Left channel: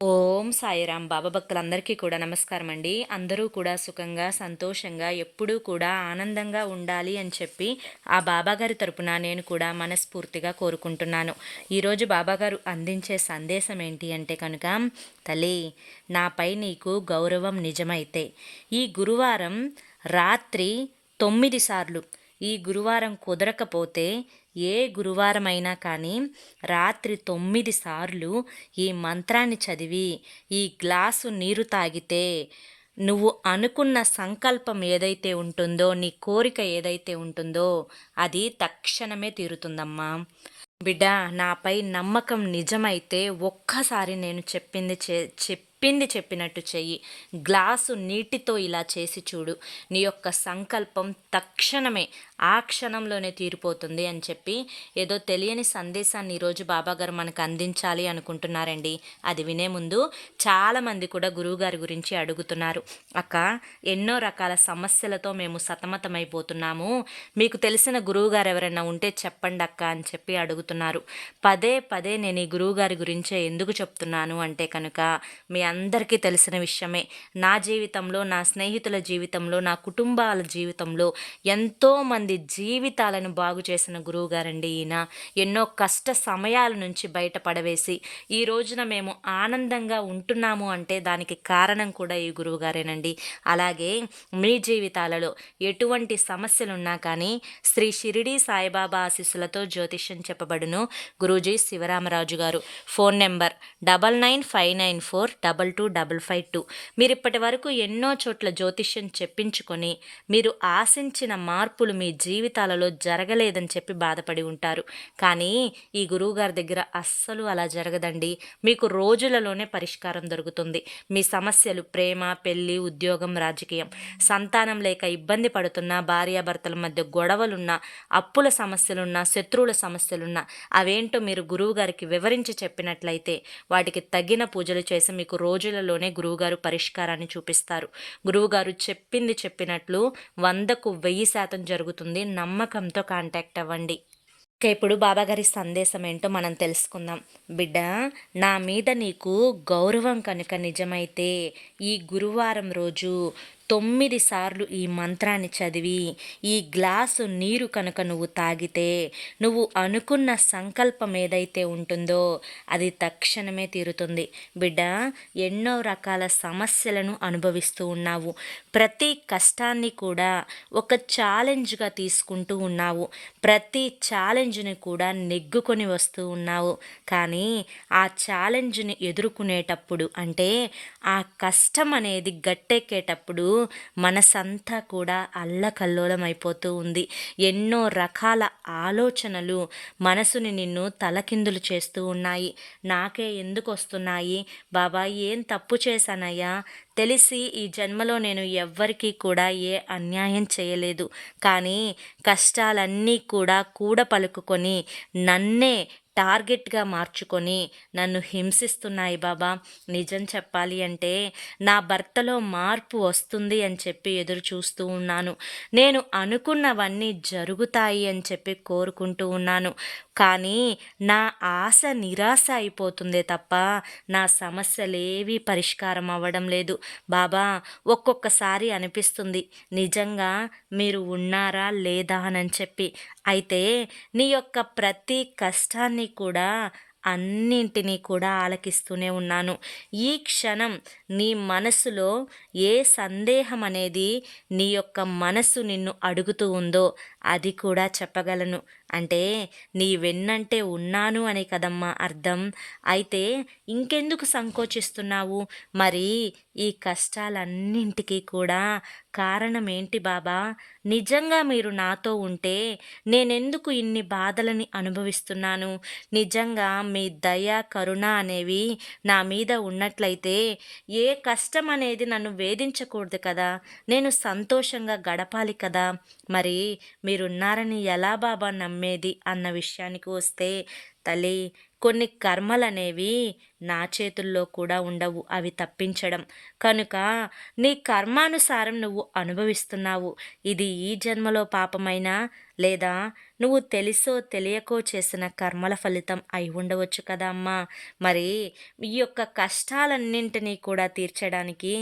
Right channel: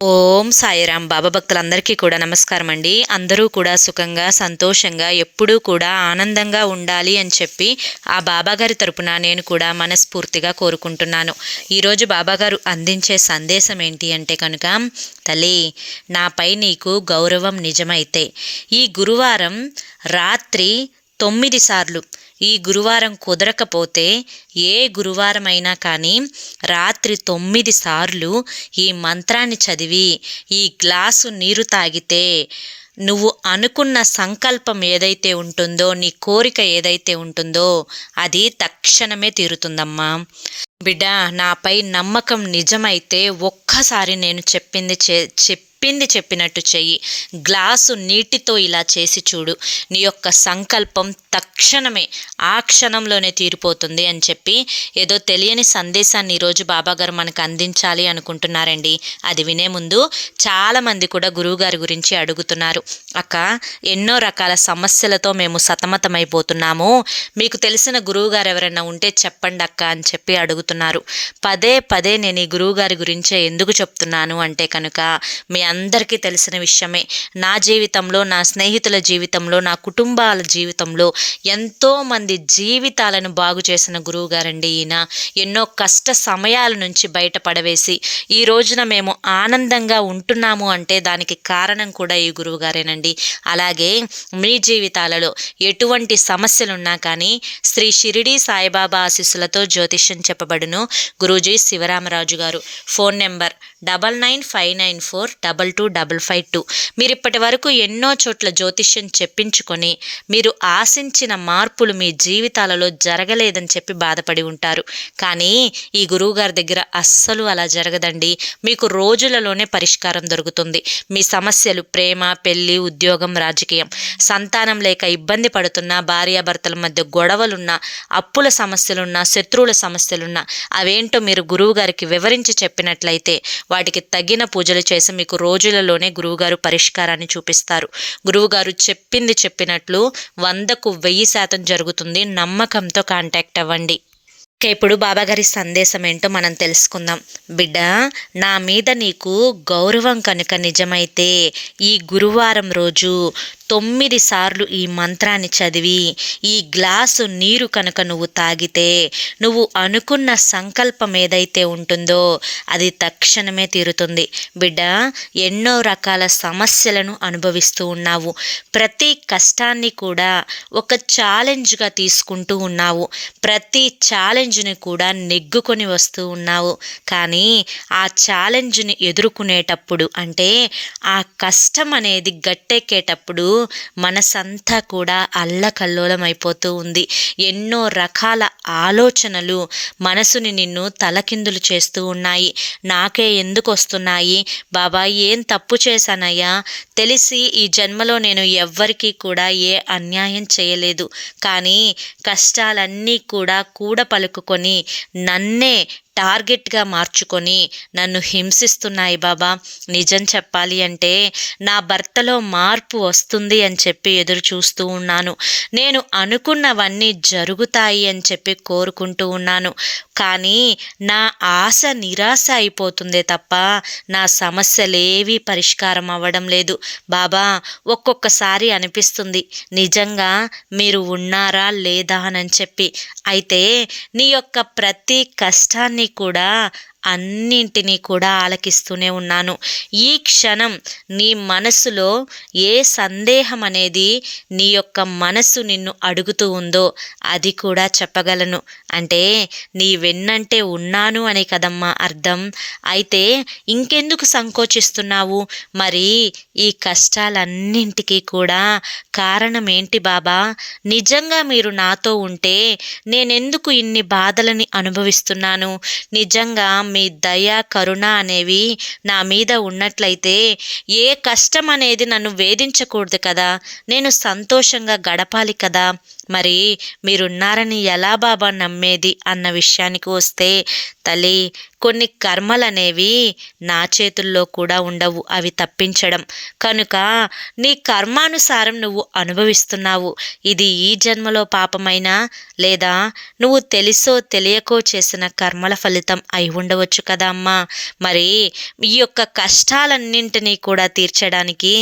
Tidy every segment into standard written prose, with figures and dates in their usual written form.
ఓం సాయిరాం. బాబా భక్తులందరికీ కూడా నమస్కారం అండి. అందరూ కూడా సుఖంగా సంతోషంగా ఎప్పుడూ కూడా ఆనందంగా ఉండాలి అని చెప్పి ఆ బాబాగారి తరపున నేను కూడా మనస్ఫూర్తిగా కోరుకుంటున్నాను. ఈరోజు బాబాగారు అందించే సందేశం ఏంటి అంటే కనుక, తల్లి, నాపై నీకు గౌరవం నిజమైతే ఈ గురువారం రాత్రి 9 సార్లు, ఈ గురువారం కుదరకపోతే ఏ గురువారమైనా కానీ రాత్రి 9 సార్లు ఈ మంత్రాన్ని చదివి ఈ గ్లాసు నీరు తాగితే నువ్వు అనుకున్న సంకల్పం ఏదైతే ఉంటుందో, నీ కోరిక ఏదైతే ఉంటుందో అది తక్షణమే తీరుతుందమ్మా. బిడ్డ, నాపై నమ్మకం నిజమైతే ఒక్కసారి నేను చెప్పినట్టు చెయ్యి. గ్లాసు నీటితో ఇలా చేసి చూడు. నీ యొక్క సంకల్పం తక్షణమే ఆ క్షణంలోనే తీరిపోతుంది అని చెప్పి ఏదో తెలియని సందేశాన్ని ఈరోజు బాబాగారు మనకు అందించాలి అనుకుంటున్నారండి. అది వినే ముందు చాలామంది కూడా గురువుగారి గురించి అడుగుతున్నారు. అక్క, ఎన్నో రకాల సమస్యలతో మేము సతమతమైపోతున్నాము, మీకు తెలిసిన గురువుగారు ఎవరైనా ఉంటే చెప్పండి అక్క అని చెప్పి అడుగుతున్నారు. పదే పదే నేను ఈ గురువుగారి గురించే ఎందుకు చెప్తున్నాను అంటే కనుక, మీ అందరికీ తెలిసిన విషయమే. నా జీవితంలో, నా స్నేహితుల జీవితంలో, నా కుటుంబాల జీవితంలో ఎంతోమంది జీవితాలను బాగు చేసిన గురువుగారండి ఈయన. ఎన్నో కష్ట సమయాల నుంచి బయటపడవేసి ఈ రోజున మేము ఆనందంగా ఉంటున్నాము అంటే దానికి కారణం కూడా ఈ గురువుగారేనండి. అలాగే మీ జీవితాలలో ఎటువంటి సమస్యలున్నా కానీ శ్రీ షిరిడి సాయిబాబా ఆశీస్సులతో జ్యోతిష్యం చెప్పబడును. గురూజీ శివరామరాజు గారు. Phone number 9959422552. మీరు ఇప్పటి వరకు ఎన్నో చోట్ల జ్యోతిష్యం చెప్పించుకొని మీరు ఆశించిన మార్పులు మీ జీవితాలలో జరగలేదని చెప్పి బాధపడి ఉంటారు. కానీ ఈ గురువుగారి దగ్గర అస్సలు అలా జరగదండి. మీకు రోజులలోనే పరిష్కారం దొరుకుతుంది. మీ సమస్యలు ప్రేమ, పెళ్లి, ఉద్యోగం, రాజకీయం, సంతానం లేక ఇబ్బంది పడుతున్నా, భార్యాభర్తల మధ్య గొడవలున్నా, అప్పుల సమస్యలున్నా, శత్రువుల సమస్యలున్నా అవేంటో మీరు గురువుగారికి వివరించి చెప్పినట్లయితే వాటికి తగిన పూజలు చేసి మీకు రోజులలోనే గురువుగారు పరిష్కారాన్ని చూపిస్తారు. గురువుగారు చెప్పింది చెప్పినట్లు 100కు 1000% జరుగుతుంది. నమ్మకంతో కాంటాక్ట్ అవ్వండి. ఇప్పుడు బాబాగారి సందేశం ఏంటో మనం తెలుసుకుందాం. బిడ్డ, నా మీద నీకు గౌరవం కనుక నిజమైతే ఈ గురువారం రోజు 9 సార్లు ఈ మంత్రాన్ని చదివి ఈ గ్లాసు నీరు కనుక నువ్వు తాగితే నువ్వు అనుకున్న సంకల్పం ఏదైతే ఉంటుందో అది తక్షణమే తీరుతుంది. బిడ్డ, ఎన్నో రకాల సమస్యలను అనుభవిస్తూ ఉన్నావు. ప్రతి కష్టాన్ని కూడా ఒక ఛాలెంజ్గా తీసుకుంటూ ఉన్నావు. ప్రతి ఛాలెంజ్ని కూడా నెగ్గుకొని వస్తూ ఉన్నావు. కానీ ఆ ఛాలెంజ్ని ఎదుర్కొనేటప్పుడు, అంటే ఆ కష్టం అనేది గట్టెక్కేటప్పుడు మనసంతా కూడా అల్లకల్లోలం అయిపోతూ ఉంది. ఎన్నో రకాల ఆలోచనలు మనసుని నిన్ను తలకిందులు చేస్తూ ఉన్నాయి. నాకే ఎందుకు వస్తున్నాయి బాబా, ఏం తప్పు చేశానయ్యా, తెలిసి ఈ జన్మలో నేను ఎవ్వరికీ కూడా ఏ అన్యాయం చేయలేదు, కానీ కష్టాలన్నీ కూడా పలుకుకొని నన్నే టార్గెట్గా మార్చుకొని నన్ను హింసిస్తున్నాయి బాబా. నిజం చెప్పాలి అంటే నా భర్తలో మార్పు వస్తుంది అని చెప్పి ఎదురు చూస్తూ ఉన్నాను. నేను అనుకున్నవన్నీ జరుగుతాయి అని చెప్పి కోరుకుంటూ ఉన్నాను. కానీ నా ఆశ నిరాశ అయిపోతుందే తప్ప నా సమస్యలేవీ పరిష్కారం అవ్వడం లేదు బాబా. ఒక్కొక్కసారి అనిపిస్తుంది నిజంగా మీరు ఉన్నారా లేదా అని చెప్పి. అయితే నీ యొక్క ప్రతి కష్టాన్ని కూడా అన్నింటినీ కూడా ఆలకిస్తూనే ఉన్నాను. ఈ క్షణం నీ మనసులో ఏ సందేహం అనేది నీ యొక్క మనసు నిన్ను అడుగుతూ ఉందో అది కూడా చెప్పగలను. అంటే నీ వెన్నంటే ఉన్నాను అని కదమ్మా అర్థం. అయితే ఇంకెందుకు సంకోచిస్తున్నావు? మరి ఈ కష్టాలన్నింటికీ కూడా కారణం ఏంటి బాబా? నిజంగా మీరు నాతో ఉంటే నేనెందుకు ఇన్ని బాధలని అనుభవిస్తున్నాను? నిజంగా మీ దయ, కరుణ అనేవి నా మీద ఉన్నట్లయితే ఏ కష్టం అనేది నన్ను వేధించకూడదు కదా, నేను సంతోషంగా గడపాలి కదా. మరి మీరున్నారని ఎలా బాబా నమ్మేది అన్న విషయానికి వస్తే, తల్లి, కొన్ని కర్మలనేవి నా చేతుల్లో కూడా ఉండవు, అవి తప్పించడం. కనుక నీ కర్మానుసారం నువ్వు అనుభవిస్తున్నావు. ఇది ఈ జన్మలో పాపమైనా లేదా నువ్వు తెలుసో తెలియకో చేసిన కర్మల ఫలితం అయి ఉండవచ్చు కదా అమ్మా. మరి ఈ యొక్క కష్టాలన్నింటినీ కూడా తీర్చడానికి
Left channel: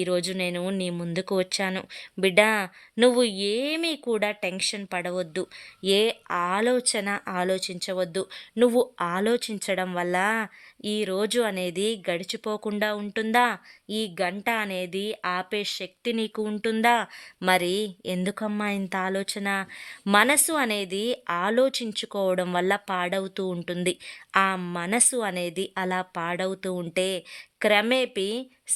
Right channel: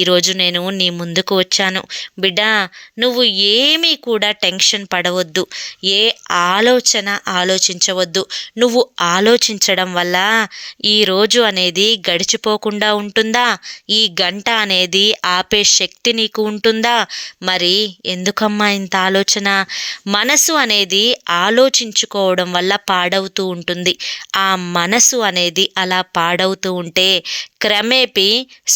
ఈరోజు నేను నీ ముందుకు వచ్చాను. బిడ్డ, నువ్వు ఏమీ కూడా టెన్షన్ పడవద్దు, ఏ ఆలోచన ఆలోచించవద్దు. నువ్వు ఆలోచించడం వల్ల ఈ రోజు అనేది గడిచిపోకుండా ఉంటుందా? ఈ గంట అనేది ఆపే శక్తి నీకు ఉంటుందా? మరి ఎందుకమ్మా ఇంత ఆలోచన? మనసు అనేది ఆలోచించుకోవడం వల్ల పాడవుతూ ఉంటుంది. ఆ మనసు అనేది అలా పాడవుతూ ఉంటే క్రమేపీ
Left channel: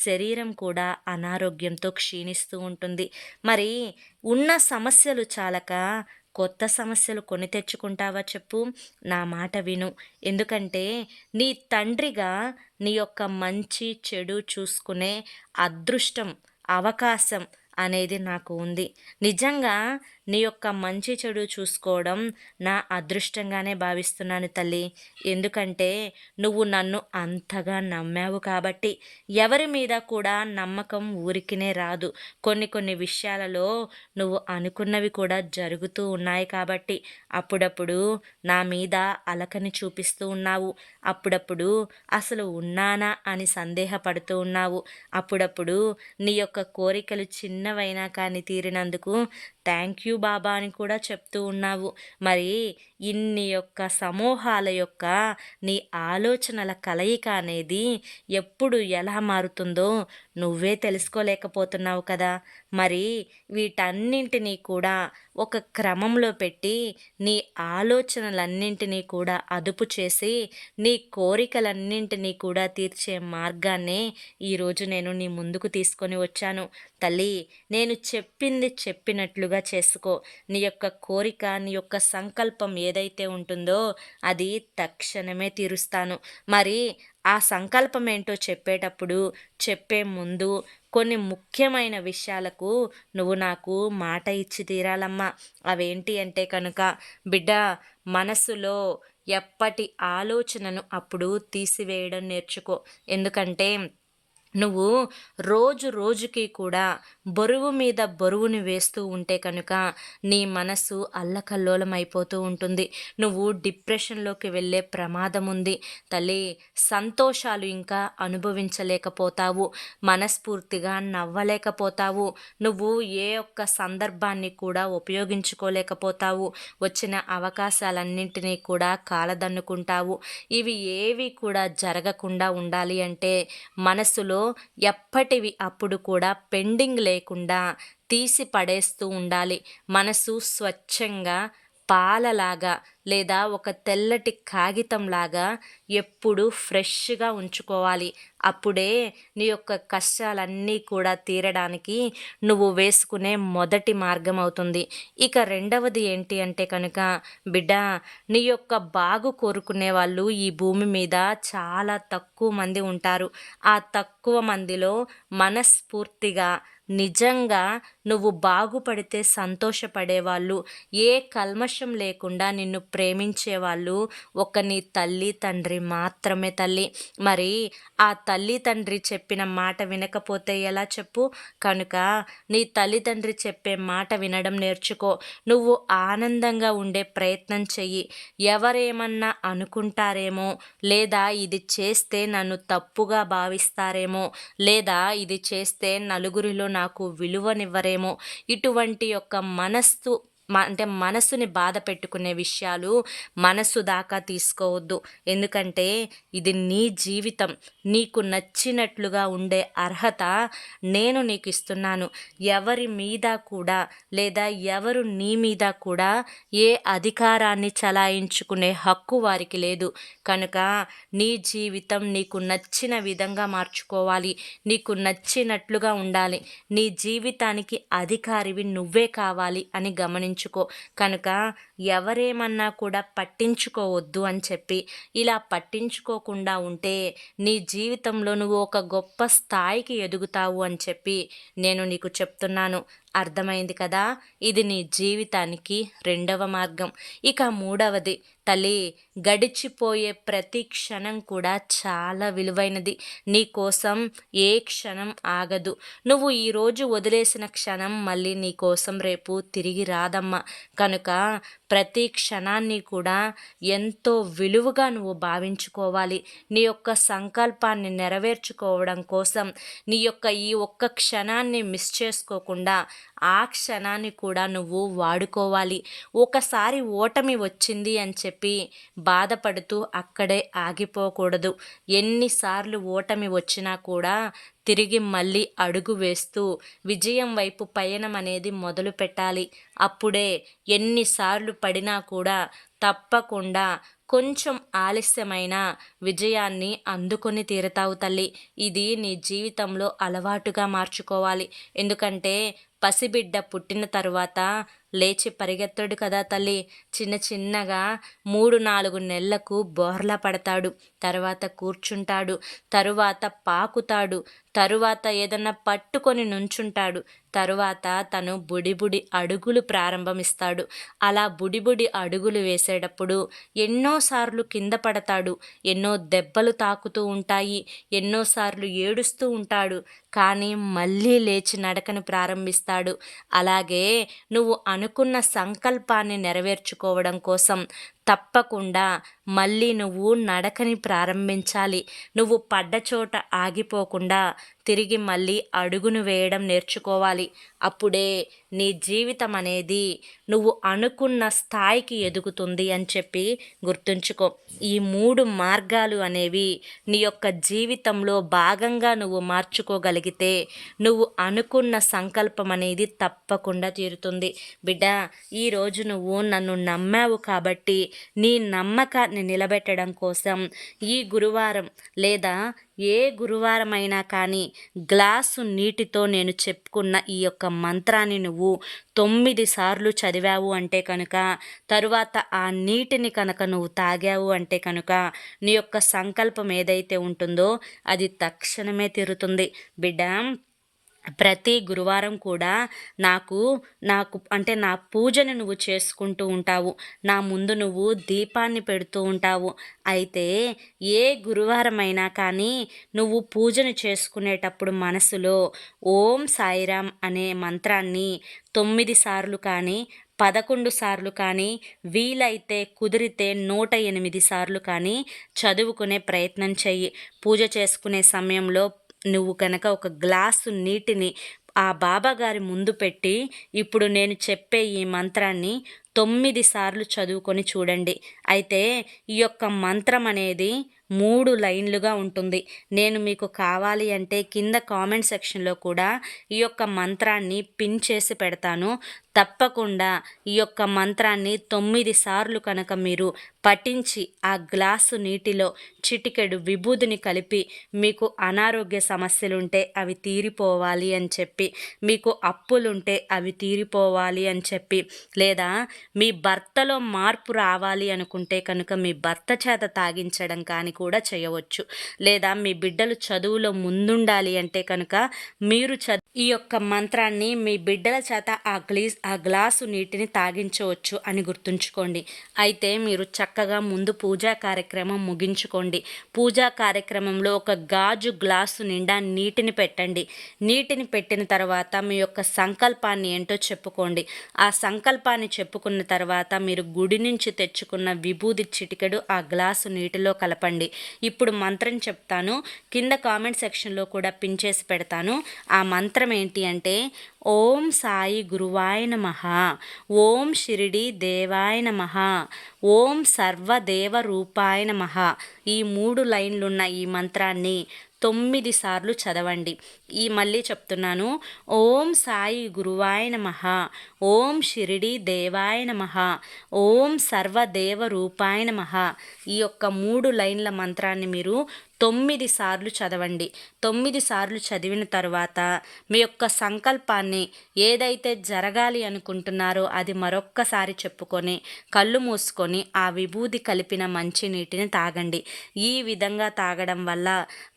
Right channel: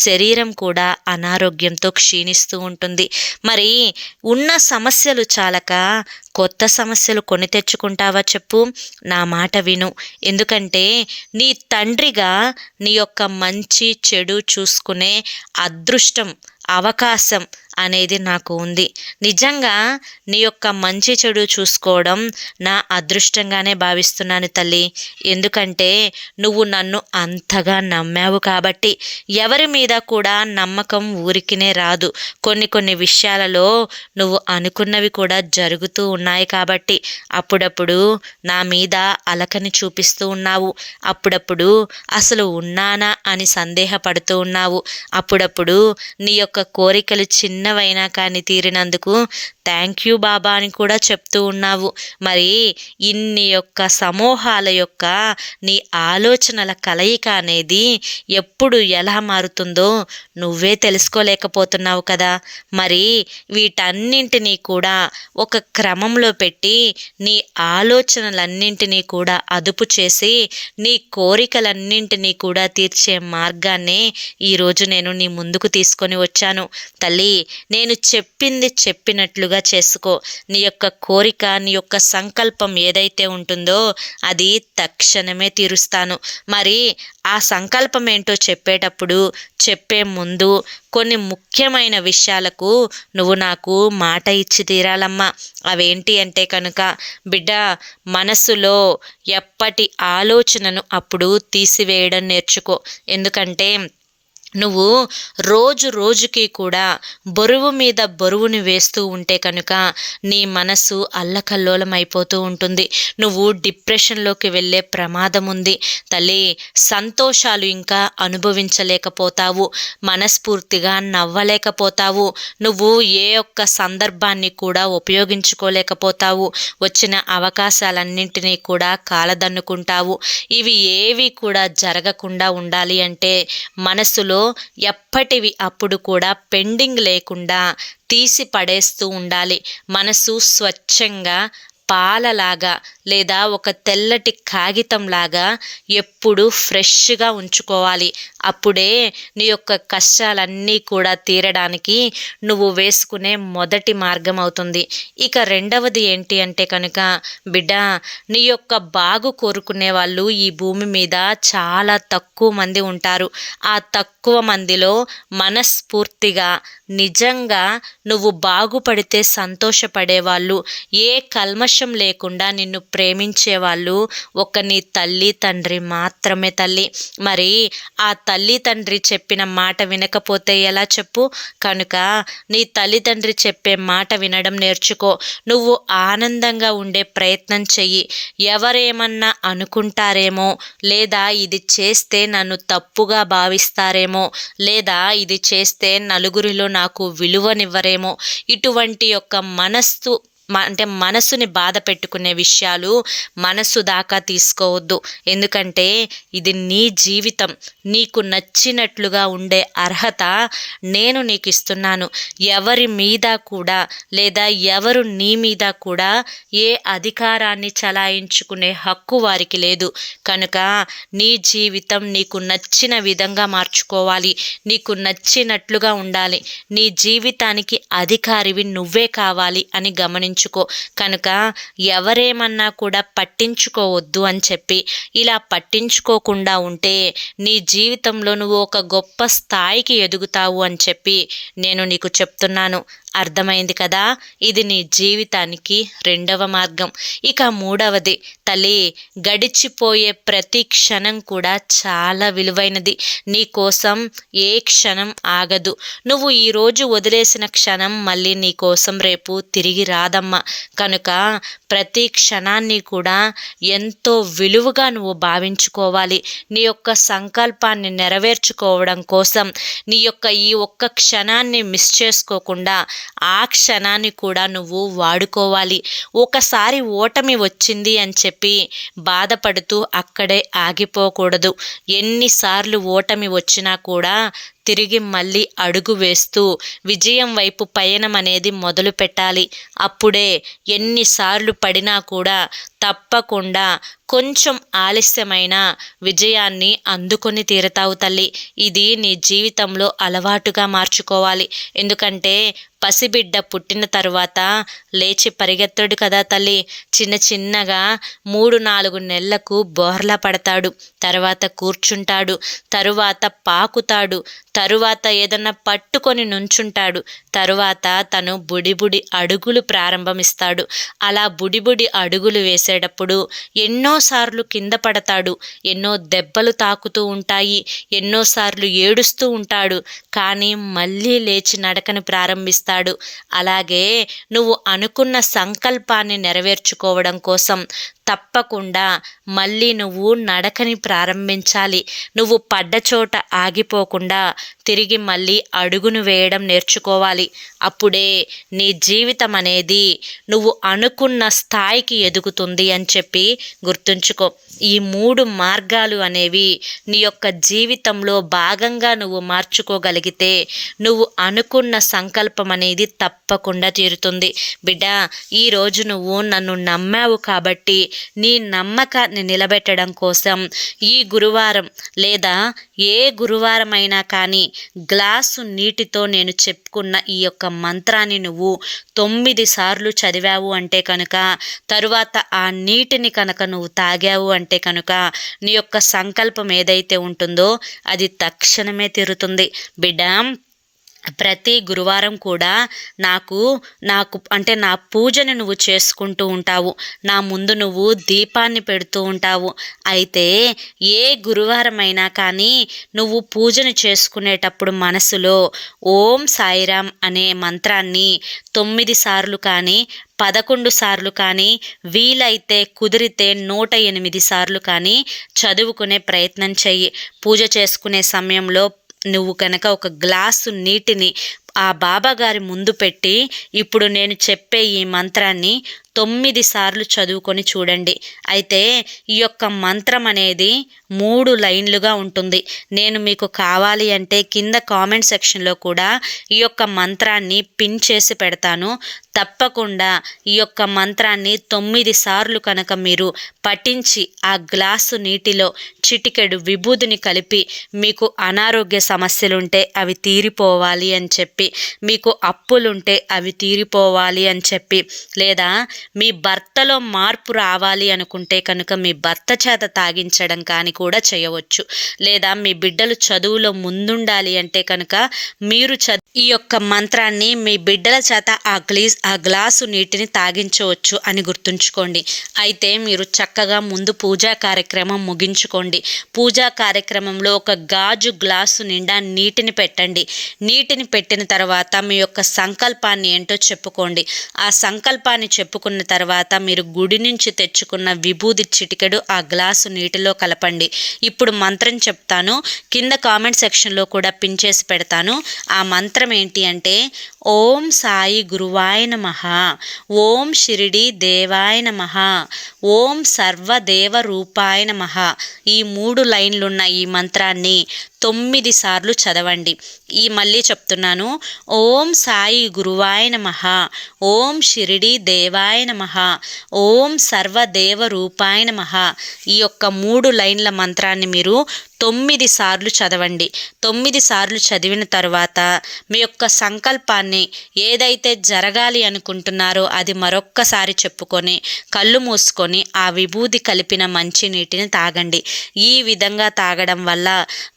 శరీరం కూడా అనారోగ్యంతో క్షీణిస్తూ ఉంటుంది. మరి ఉన్న సమస్యలు చాలక కొత్త సమస్యలు కొని తెచ్చుకుంటావా చెప్పు? నా మాట విను. ఎందుకంటే నీ తండ్రిగా నీ యొక్క మంచి చెడు చూసుకునే అదృష్టం, అవకాశం అనేది నాకు ఉంది. నిజంగా నీ యొక్క మంచి చెడు చూసుకోవడం నా అదృష్టంగానే భావిస్తున్నాను తల్లి. ఎందుకంటే నువ్వు నన్ను అంతగా నమ్మావు కాబట్టి. ఎవరి మీద కూడా నమ్మకం ఊరికినే రాదు. కొన్ని విషయాలలో నువ్వు అనుకున్నవి కూడా జరుగుతూ ఉన్నాయి కాబట్టి అప్పుడప్పుడు నా మీద అలకని చూపిస్తూ ఉన్నావు. అప్పుడప్పుడు అసలు ఉన్నానా అని సందేహపడుతూ ఉన్నావు. అప్పుడప్పుడు నీ యొక్క కోరికలు చిన్నవైనా కానీ తీరినందుకు థ్యాంక్ యూ బాబా అని కూడా చెప్తూ ఉన్నావు. మరి ఇన్ని యొక్క సమూహాల యొక్క నీ ఆలోచనల కలయిక అనేది ఎప్పుడు ఎలా మారుతుందో నువ్వే తెలుసుకోలేకపోతున్నావు కదా. మరి వీటన్నింటినీ కూడా ఒక క్రమంలో పెట్టి నీ ఆలోచనలన్నింటినీ కూడా అదుపు చేసి నీ కోరికలన్నింటినీ కూడా తీర్చే మార్గాన్ని ఈరోజు నేను నీ ముందుకు తీసుకొని వచ్చాను. తల్లి, నేను చెప్పింది చెప్పినట్లుగా చేసుకో. నీ యొక్క కోరిక, నీ యొక్క సంకల్పం ఏదైతే ఉంటుందో అది తక్షణమే తీరుస్తాను. మరి ఆ సంకల్పం ఏంటో చెప్పే ముందు కొన్ని ముఖ్యమైన విషయాలకు నువ్వు నాకు మాట ఇచ్చి తీరాలమ్మా. అవేంటి అంటే కనుక, బిడ్డ, మనసులో ఎప్పటి ఆలోచనను అప్పుడు తీసివేయడం నేర్చుకో. ఎందుకంటే నువ్వు రోజుకి కూడా బరువు మీద బరువుని వేస్తూ ఉంటే కనుక నీ మనసు అల్లకల్లోలం అయిపోతూ ఉంటుంది. నువ్వు డిప్రెషన్లోకి వెళ్ళే ప్రమాదం ఉంది తల్లి. సంతోషాలు ఇంకా అనుభవించలేకపోతావు, మనస్ఫూర్తిగా నవ్వలేకపోతావు, నువ్వు ఏ ఒక్క సందర్భాన్ని కూడా ఉపయోగించుకోలేకపోతావు. వచ్చిన అవకాశాలన్నింటినీ కూడా కాలదన్నుకుంటావు. ఇవి ఏవి కూడా జరగకుండా ఉండాలి అంటే మనసులో ఎప్పటివి అప్పుడు కూడా పెండింగ్ లేకుండా తీసి పడేస్తూ ఉండాలి. మనసు స్వచ్ఛంగా పాలలాగా లేదా ఒక తెల్లటి కాగితంలాగా ఎప్పుడు ఫ్రెష్గా ఉంచుకోవాలి. అప్పుడే నీ యొక్క కష్టాలన్నీ కూడా తీరడానికి నువ్వు వేసుకునే మొదటి మార్గం అవుతుంది. ఇక రెండవది ఏంటి అంటే కనుక, బిడ్డ, నీ యొక్క బాగు కోరుకునే వాళ్ళు ఈ భూమి మీద చాలా తక్కువ మంది ఉంటారు. ఆ తక్కువ మందిలో మనస్ఫూర్తిగా నిజంగా నువ్వు బాగుపడితే సంతోషపడేవాళ్ళు, ఏ కల్మషం లేకుండా నిన్ను ప్రేమించేవాళ్ళు ఒక నీ తల్లి తండ్రి మాత్రమే తల్లి. మరి ఆ తల్లి తండ్రి చెప్పిన మాట వినకపోతే ఎలా చెప్పు? కనుక నీ తల్లిదండ్రి చెప్పే మాట వినడం నేర్చుకో. నువ్వు ఆనందంగా ఉండే ప్రయత్నం చెయ్యి. ఎవరేమన్నా అనుకుంటారేమో, లేదా ఇది చేస్తే నన్ను తప్పుగా భావిస్తారేమో, లేదా ఇది చేస్తే నలుగురిలో నాకు విలువనివ్వరేమో, ఇటువంటి యొక్క మనసుని బాధ పెట్టుకునే విషయాలు మనసు దాకా తీసుకోవద్దు. ఎందుకంటే ఇది నీ జీవితం. నీకు నచ్చినట్లుగా ఉండే అర్హత నేను నీకు ఇస్తున్నాను. ఎవరి మీద కూడా లేదా ఎవరు నీ మీద కూడా ఏ అధికారాన్ని చలాయించుకునే హక్కు వారికి లేదు. కనుక నీ జీవితం నీకు నచ్చిన విధంగా మార్చుకోవాలి, నీకు నచ్చినట్లుగా ఉండాలి. నీ జీవితానికి అధికారివి నువ్వే కావాలి అని గమనించుకో. కనుక ఎవరేమన్నా కూడా పట్టించుకోవద్దు అని చెప్పి ఇలా పట్టించుకోకుండా ఉంటే నీ జీవితంలో నువ్వు ఒక గొప్ప స్థాయికి ఎదుగుతావు అని చెప్పి నేను నీకు చెప్తున్నాను. అర్థమైంది కదా? ఇది నీ జీవితానికి రెండవ మార్గం. ఇక మూడవది, తల్లి, గడిచిపోయే ప్రతి క్షణం కూడా చాలా విలువైనది. నీ కోసం ఏ క్షణం ఆగదు. నువ్వు ఈరోజు వదిలేసిన క్షణం మళ్ళీ నీ కోసం రేపు తిరిగి రాదమ్మా. కనుక ప్రతి క్షణాన్ని కూడా ఎంతో విలువగా నువ్వు భావించుకోవాలి. నీ యొక్క సంకల్పాన్ని నెరవేర్చుకోవడం కోసం నీ యొక్క ఈ ఒక్క క్షణాన్ని మిస్ చేసుకోకుండా ఆ క్షణాన్ని కూడా నువ్వు వాడుకోవాలి. ఒకసారి ఓటమి వచ్చింది అని చెప్పి బాధపడుతూ అక్కడే ఆగిపోకూడదు. ఎన్నిసార్లు ఓటమి వచ్చినా కూడా తిరిగి మళ్ళీ అడుగు వేస్తూ విజయం వైపు పయనం అనేది మొదలు పెట్టాలి. అప్పుడే ఎన్నిసార్లు పడినా కూడా తప్పకుండా కొంచెం ఆలస్యమైన విజయాన్ని అందుకొని తీరతావు తల్లి. ఇది నీ జీవితంలో అలవాటుగా మార్చుకోవాలి. ఎందుకంటే పసిబిడ్డ పుట్టిన తరువాత లేచి పరిగెత్తడు కదా తల్లి. చిన్న చిన్నగా 3-4 నెలలకు బోర్లా పడతాడు, తర్వాత కూర్చుంటాడు, తరువాత పాకుతాడు, తరువాత ఏదన్నా పట్టుకొని నుంచుంటాడు, తరువాత తను బుడిబుడి అడుగులు ప్రారంభమిస్తాడు. అలా బుడిబుడి అడుగులు వేసేటప్పుడు ఎన్నోసార్లు కింద పడతాడు, ఎన్నో దెబ్బలు తాకుతూ ఉంటాయి, ఎన్నోసార్లు ఏడుస్తూ ఉంటాడు, కానీ మళ్ళీ లేచి నడకని ప్రారంభిస్తాడు. అలాగే నువ్వు అనుకున్న సంకల్పాన్ని నెరవేర్చుకోవడం కోసం తప్పకుండా మళ్ళీ నువ్వు నడకని ప్రారంభించాలి. నువ్వు పడ్డ చోట ఆగిపోకుండా తిరిగి మళ్ళీ అడుగును వేయడం నేర్చుకోవాలి. అప్పుడే నీ జీవితం అనేది నువ్వు అనుకున్న స్థాయికి ఎదుగుతుంది అని చెప్పి గుర్తుంచుకో. ఈ 3 మార్గాలు అనేవి నీ యొక్క జీవితంలో భాగంగా నువ్వు మార్చుకోగలిగితే నువ్వు అనుకున్న సంకల్పం అనేది తప్పకుండా తీరుతుంది. బిడ్డ, ఈరోజు నువ్వు నన్ను నమ్మావు కాబట్టి నీ నమ్మకాన్ని నిలబెట్టడం కోసం ఈ గురువారం లేదా ఏ గురువారం అయినా కానీ గ్లాసు నీటితో నేను చెప్పుకున్న ఈ యొక్క మంత్రాన్ని నువ్వు 9 సార్లు చదివావు అంటే కనుక, తరువాత ఆ నీటిని కనుక నువ్వు తాగావు అంటే కనుక నీ యొక్క సంకల్పం ఏదైతే ఉంటుందో అది తక్షణమే తీరుతుంది. బిడ్డ, ప్రతి గురువారం కూడా నాకు అంటే నా పూజను నువ్వు చేసుకుంటూ ఉంటావు, నా ముందు నువ్వు దీపాన్ని పెడుతూ ఉంటావు. అయితే ఏ గురువారం అయినా కానీ నువ్వు పూజను చేసుకునేటప్పుడు మనసులో ఓం సాయిరామ్ అనే మంత్రాన్ని 9 సార్లు కానీ 11 సార్లు కానీ వీలైతే కుదిరితే 108 సార్లు కానీ చదువుకునే ప్రయత్నం చెయ్యి. పూజ చేసుకునే సమయంలో నువ్వు కనుక ఒక గ్లాసు నీటిని ఆ బాబాగారి ముందు పెట్టి ఇప్పుడు నేను చెప్పే ఈ మంత్రాన్ని 9 సార్లు చదువుకొని చూడండి. అయితే ఈ యొక్క మంత్రం అనేది 3 లైన్లుగా ఉంటుంది. నేను మీకు కావాలి అంటే కింద కామెంట్ సెక్షన్లో కూడా ఈ యొక్క మంత్రాన్ని పిన్ చేసి పెడతాను. తప్పకుండా ఈ యొక్క మంత్రాన్ని 9 సార్లు కనుక మీరు పఠించి ఆ గ్లాసు నీటిలో చిటికెడు విభూదిని కలిపి మీకు అనారోగ్య సమస్యలుంటే అవి తీరిపోవాలి అని చెప్పి, మీకు అప్పులుంటే అవి తీరిపోవాలి అని చెప్పి, లేదా మీ భర్తలో మార్పు రావాలి అనుకుంటే కనుక మీ భర్త చేత తాగించడం కానీ కూడా చేయవచ్చు. లేదా మీ బిడ్డలు చదువులో ముందుండాలి అంటే కనుక మీరు ఈ యొక్క మంత్రాన్ని మీ బిడ్డల చేత ఆ గ్లాసు నీటిని తాగించవచ్చు అని గుర్తుంచుకోండి. అయితే మీరు చక్కగా ముందు పూజా కార్యక్రమం ముగించుకోండి. పూజా కార్యక్రమంలో ఒక గాజు గ్లాసు నిండా నీటిని పెట్టండి. నీటిని పెట్టిన తర్వాత మీ యొక్క సంకల్పాన్ని ఏంటో చెప్పుకోండి. ఆ సంకల్పాన్ని చెప్పుకున్న తర్వాత మీరు గుడి నుంచి తెచ్చుకున్న విభూది చిటికెడు ఆ గ్లాసు నీటిలో కలపండి. ఇప్పుడు మంత్రం చెప్తాను, కింద కామెంట్ సెక్షన్లో కూడా పిన్ చేసి పెడతాను. ఆ మంత్రం ఏంటి అంటే ఓం సాయి గురువాయ నమః, ఓం షిరిడి దేవాయ నమః, ఓం సర్వదేవ రూపాయ నమః. ఈ 3 లైన్లున్న ఈ మంత్రాన్ని 9 సార్లు చదవండి. మళ్ళీ చెప్తున్నాను, ఓం సాయి గురువాయ నమః, ఓం షిరిడి దేవాయ నమః, ఓం సర్వదేవ రూపాయ నమః. ఈ యొక్క 3 లైన్ల మంత్రాన్ని మీరు 9 సార్లు చదవండి. 9 సార్లు చదివిన తరువాత మీ యొక్క సంకల్పాన్ని ఏదైతే జరగాలి అనుకుంటున్నారో అది మరొక్కసారి చెప్పుకొని కళ్ళు మూసుకొని ఆ విభూది కలిపిన మంచినీటిని తాగండి. ఈ విధంగా తాగడం వల్ల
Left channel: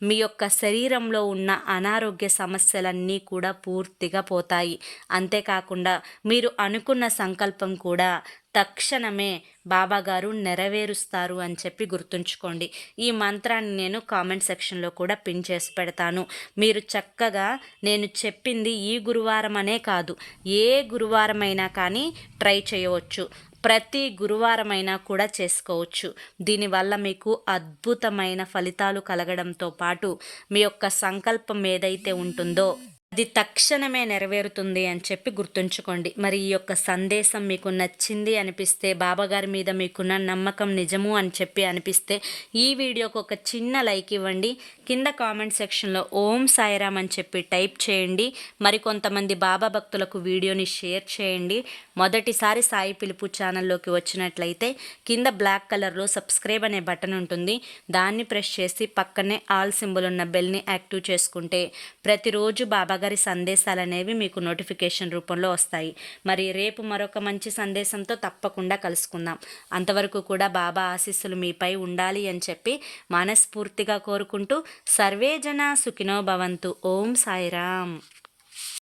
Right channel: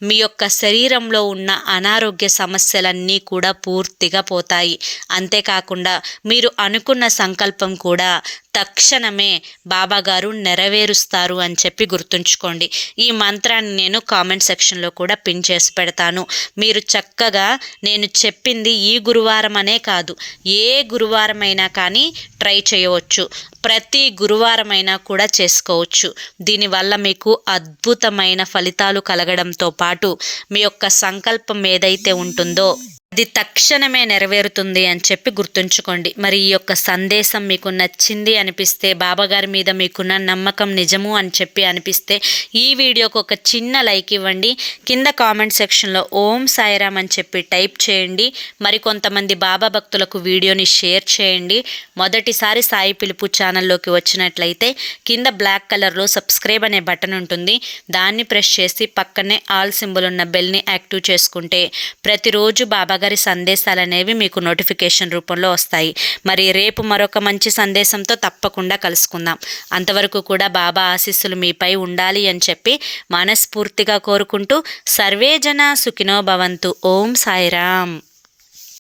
మీ యొక్క శరీరంలో ఉన్న అనారోగ్య సమస్యలన్నీ కూడా పూర్తిగా పోతాయి. అంతేకాకుండా మీరు అనుకున్న సంకల్పం కూడా తక్షణమే బాబాగారు నెరవేరుస్తారు అని చెప్పి గుర్తుంచుకోండి. ఈ మంత్రాన్ని నేను కామెంట్ సెక్షన్లో కూడా పిన్ చేసి పెడతాను. మీరు చక్కగా నేను చెప్పింది ఈ గురువారం అనే కాదు, ఏ గురువారమైనా కానీ ట్రై చేయవచ్చు. ప్రతి గురువారమైనా కూడా చేసుకోవచ్చు. దీనివల్ల మీకు అద్భుతమైన ఫలితాలు కలగడంతో పాటు మీ యొక్క సంకల్పం ఏదైతే ఉంటుందో అది తక్షణమే నెరవేరుతుంది అని చెప్పి గుర్తుంచుకోండి. మరి ఈ యొక్క సందేశం మీకు నచ్చింది అనిపిస్తే, బాబాగారి మీద మీకున్న నమ్మకం నిజము అని చెప్పి అనిపిస్తే ఈ వీడియోకి ఒక చిన్న లైక్ ఇవ్వండి. కింద కామెంట్ సెక్షన్లో ఓం సాయిరామ్ అని చెప్పి టైప్ చేయండి. మరి కొంతమంది బాబా భక్తులకు వీడియోని షేర్ చేయండి. మొదటిసారి సాయి పిలుపు ఛానల్లోకి వచ్చినట్లయితే కింద బ్లాక్ కలర్లో సబ్స్క్రైబ్ అనే బటన్ ఉంటుంది. దాన్ని ప్రెస్ చేసి పక్కనే ఆల్ సింబల్ ఉన్న బెల్ని యాక్టివ్ చేసుకుంటే ప్రతిరోజు బాబా గారి సందేశాలు అనేవి మీకు నోటిఫికేషన్ రూపంలో వస్తాయి. మరి రేపు మరొక మంచి సందేశంతో తప్పకుండా కలుసుకుందాం. అంతవరకు కూడా బాబా ఆశీస్సులు మీపై ఉండాలి అని చెప్పి మనస్ఫూర్తిగా కోరుకుంటూ సర్వే జన సుఖినో భవంతు. ఓం సాయిరామ్.